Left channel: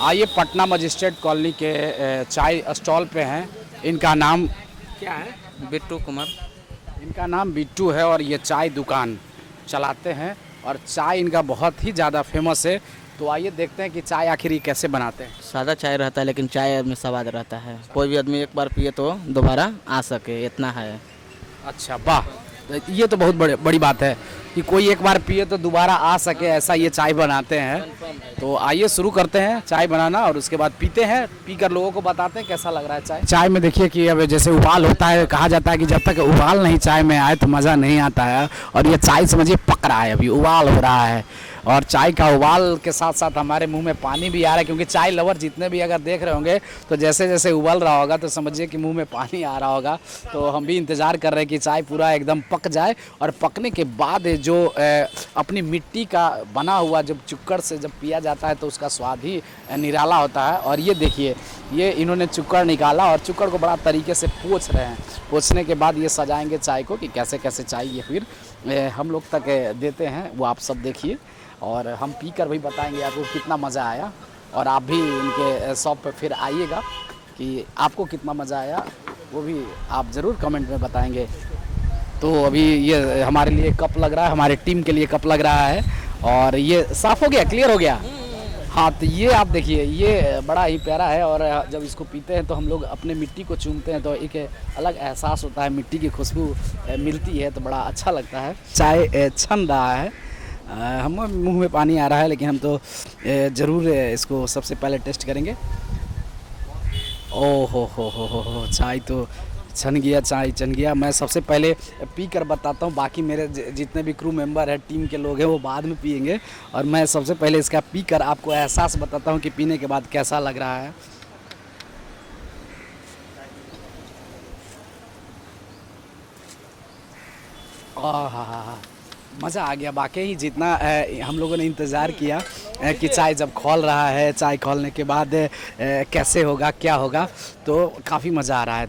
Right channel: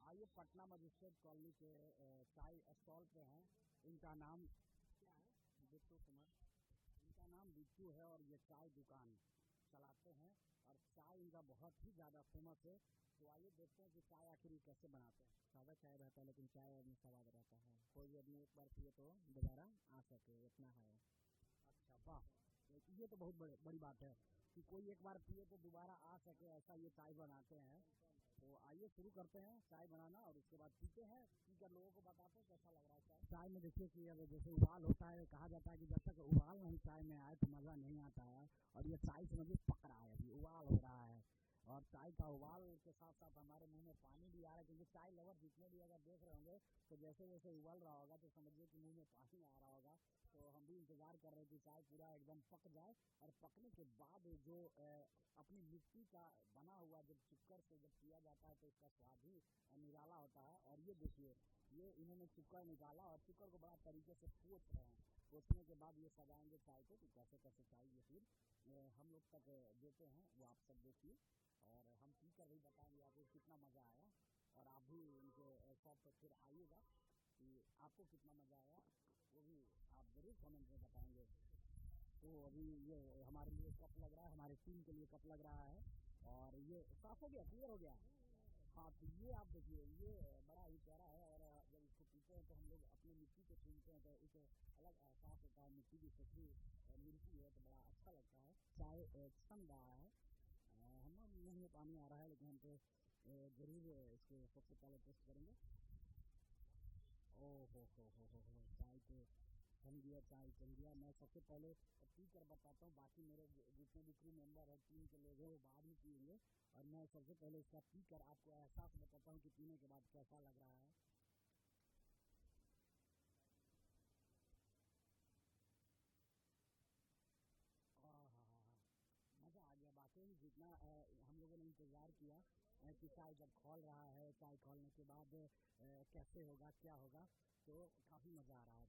आइए Patna magistrate colony के चाय स्टॉल पे हैं। इनका नाम क्या है? बिट्टू कुमार। इनका नाम बिट्टू है और ये चाय दुकान चलाते हैं और चाय इनका बहुत ही ज़्यादा फेमस है। तो आइए देखते हैं कि चाय आखिर ये कैसे बनाते हैं। सादा चाय रहता है लेकिन चाय में स्वाद रहता है। कोई भी आदमी एक बार पिए तो दोबारा आ सके, इतना है। अच्छा वाह, तो ये तो बहुत बड़ी बात है कि कोई एक बार पिए तो दोबारा आ सके, ऐसा ये चाय बनाते हैं। तो आइए शुरू करते हैं चाय बनाना और उसके बाद पीते हैं, पीकर लोगों को बताते हैं कैसा लग रहा है चाय। चाय में देखिए कि अब जैसे उबाल होता है, कहा जाता है कि जब तक उबाल नहीं चाय में आए तो मज़ा नहीं आता है। और ये चाय समझिए पक रहा है, अभी उबाल हो रहा है और चाय का उबाल के साथ साथ हमारे मुंह में पानी भी आ रहा है, क्योंकि चाय लवर जितने भी अगर देख रहे होंगे तो जैसे जैसे उबल रहा होगा तो समझिए कि मुंह में पानी आ रहा होगा। तो हम भी इंतज़ार कर रहे हैं कि चाय पूरा एकदम पक जाए और पकने के बाद जो अपनी मिट्टी का बना हुआ जब चुक्कड़ से जब पिया जाता है तो उसका स्वाद ही निराला होता है। और ये देखिए, ये इन्होंने चुक्कड़ निकाला और चुक्कड़ को बड़ा तरीके से पोंछ रहे हैं। पोंछने के बाद ये सजाएंगे चाय को कि कैसे कैसे चाय ये फिर हम लोग तक देते हैं, वो आप सब देखिए और हम पी कर भी बताएंगे आपको कितना मज़ा आया। और आप भी इनके शॉप पर फिर आइएगा कि आपको कितना मज़ा आया, वो भी आप ज़रूर कमेंट में बताएंगे। तो अभी ये हमारे लिए कप लग रहा है, हमारे टीम के लिए कप लग रहा है और ये साफ़ हो गया, क्लियर हो गया। हाँ, तो ये आप देखिए, ये बड़ा ही प्यारा है और जब इसको पीते हैं तो हम लोग अपने मिट्टी को चूमते हैं तो एक अलग एहसास होता है, मिट्टी की खुशबू मिलती है तो बड़ा अच्छा लगता है। चाय छन रहा है, हम मुंह में पानी आ रहा है, लेकिन हम तो ज़रूर इसको सबसे पहले टेस्ट करेंगे। ओ हो, चाय तो छन गया, चाय छन गया। मैं सबसे पहले पी कर बताता हूँ, बाकी मेरे जितने भी क्रू मेंबर हैं, टीम के लोग हैं, वो बाद में पियेंगे और मैं सबसे पहले इसका पी कर आपको एहसास बताता हूँ कि पीने के बाद कैसा लग रहा है। आहा, मज़ा आ गया वाकई। जितना हम लोगों ने इंतज़ार किया कि चाय जब खौल रहा है, चाय खौलने के बाद कैसे होगा, क्या होगा, तो काफ़ी मज़ा आ रहा है।